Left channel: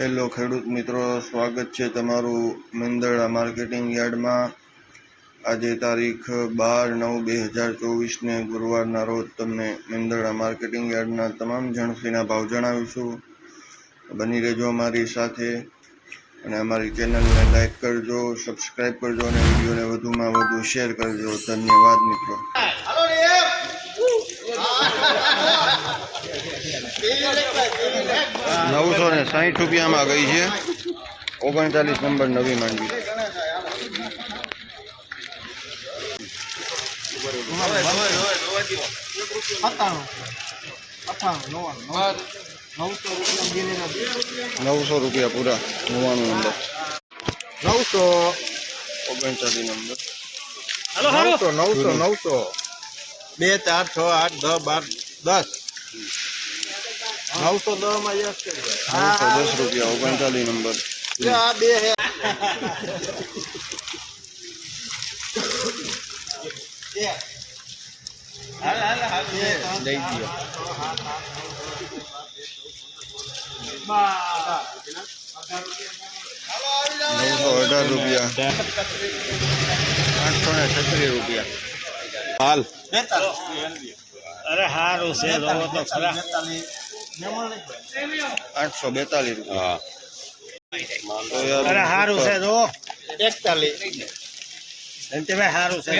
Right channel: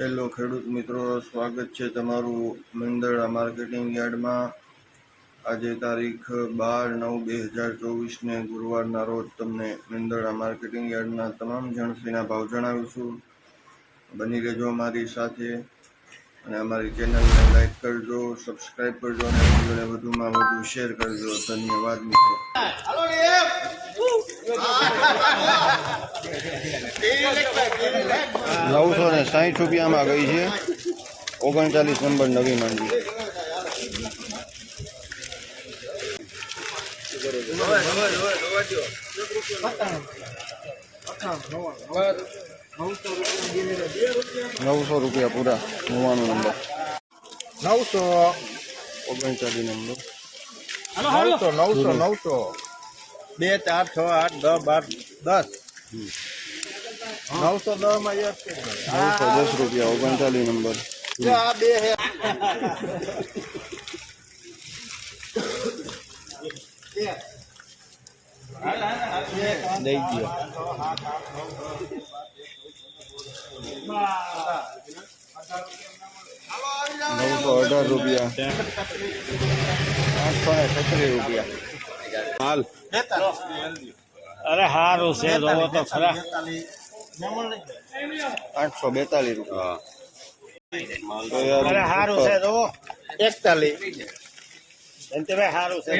Hello ખેડૂત મિત્રો, સ્વાગત છે તમારું મેંદરડા માર્કેટિંગ યાર્ડમાં। આજે તારીખ 12/9/2024 ગુરુવારના રોજ તમને મેંદરડા માર્કેટિંગ યાર્ડના તમામ જણસીના ભાવ જણાવીશું। બની રહેજો અમારી સાથે અને અમારી ચેનલને લાઈક કરજો, સબસ્ક્રાઈબ કરજો અને વિડીયોને વધુમાં વધુ શેર કરજો। ધન્યવાદ મિત્રો। 960 રૂપિયામાં ગઈ છે 39 નંબર નવી માંડવી। ₹900 પૂરા 99 નંબર 939 નંબર 900 2 4 6 8 10 910 માં 910 રૂપિયા 39 નંબર દઈ દો 918 રૂપિયા 836 રૂપિયા હાલ અરે હારું છે જોવો તો ખરા 842 રૂપિયા અરે હારું છે જો 41 ધનતેભાઈ હારું છે 841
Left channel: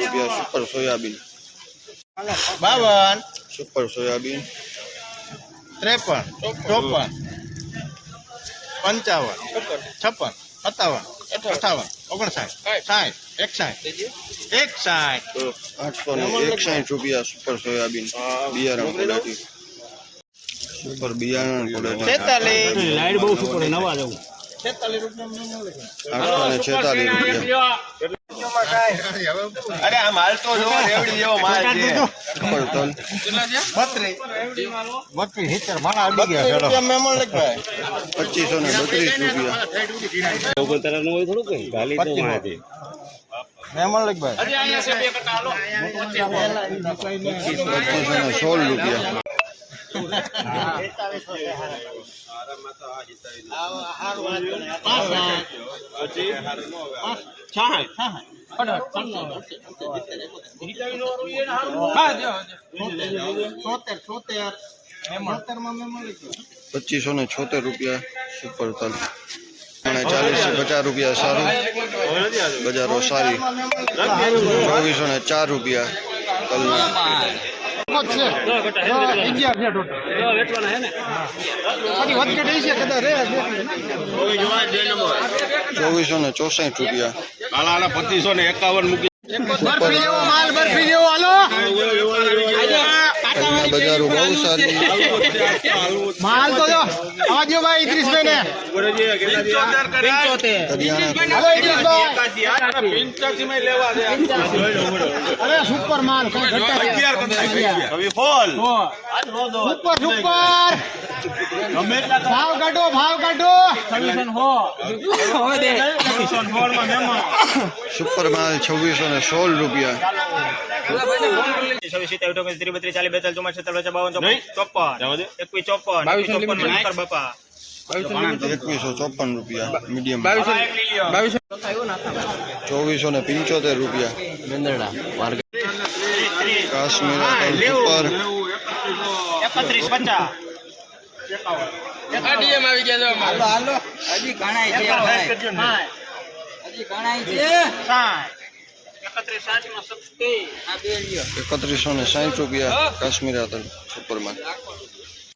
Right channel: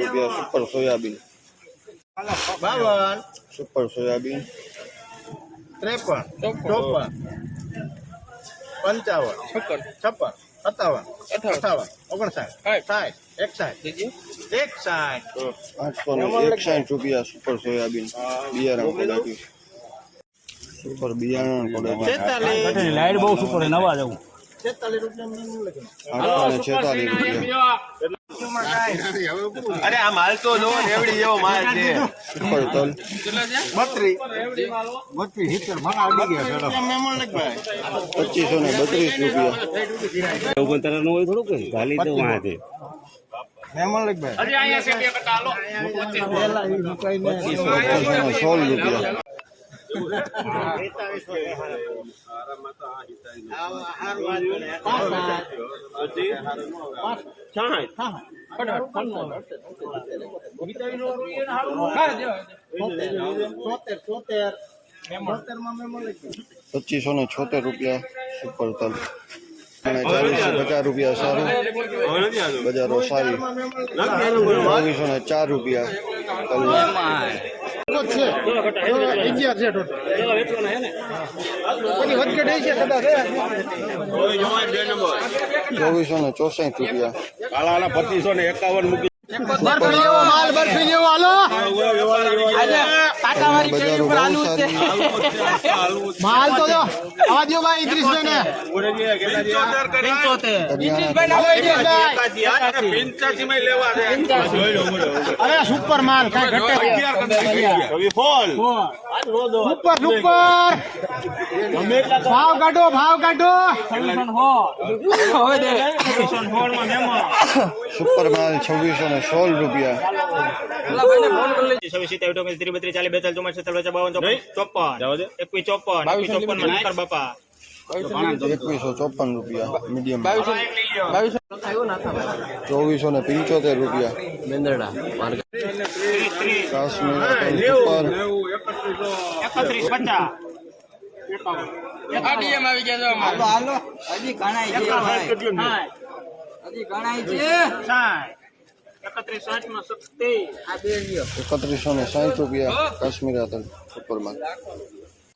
રૂપિયા સુપર સોયાબીન 52 સુપર સોયાબીન 53 54 55 56 57 58 59 60 61 861 રૂપિયા સુપર સોયાબીન બિયારણ ક્વોલિટી સુપર બિયારણ ક્વોલિટી લાઈટ બહુ સુપર નવા જવું 846 રૂપિયા અરે આ માલ તો જો રેવડી જેવો માલ છે સુપર તલ 32 હિચર મારા આવી ગયા છે મેમણ લખ ભાઈ 2532 રૂપિયા ઓગણ તરનો હોય થોડું કઈ ગાલી તો માથે મેમણ લખ ભાઈ અરે અહીંયા છે બે કટા હાલો 2516 રૂપિયા ₹2576 રૂપિયા સુપર તલ 40-50 રૂપિયા સારું બજારો સારી 2404 રૂપિયા તલના 2464 રૂપિયા 2551 બજારો બહુ સારી માલ તો જો આજો ભાઈ ઇદ્રીસભાઈ ને અરે સુપર માલ કઈ ઘટે સુપર ભાવ કાઢો સુપર માલ 2616 રૂપિયા 2154 રૂપિયા મીડિયમ 2475 રૂપિયા મેંદરડા કાશ્મીર સુપર 3150 આડીએમ આવી ગયા હાલો હાલો હજી ગણાય છે ભાઈ હજી ગણાય છે 3160 રૂપિયા કાશ્મીર સુપર માલ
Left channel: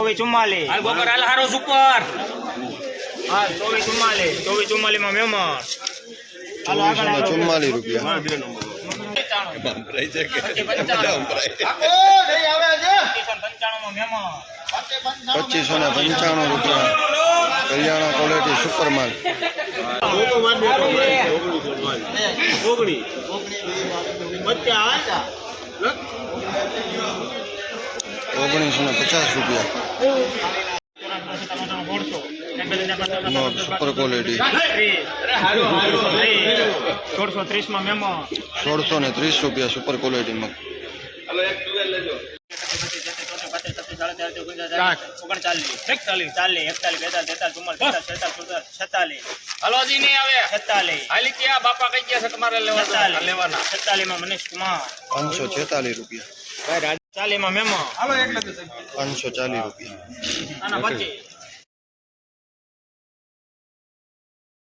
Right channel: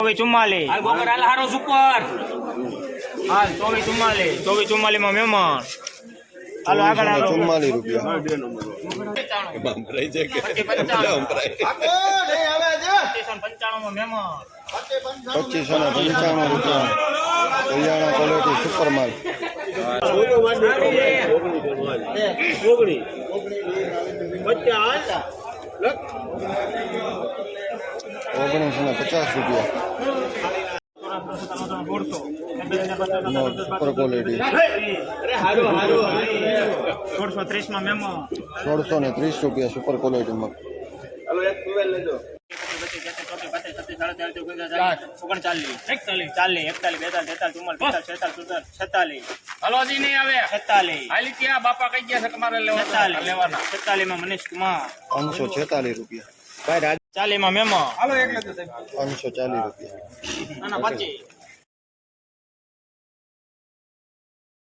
2444 હારો સુપર 2444 માં મેમણ 2444 રૂપિયા 2595 રૂપિયા કલ્યાણા ક્વોલિટી સુપર માલ 1950 રૂપિયા સુપર ક્વોલિટી 1630 રૂપિયા સુપર ક્વોલિટી મગ મનીષ કુમાર 546 રૂપિયા. 40 માં મેમો 540 રૂપિયા. અને 25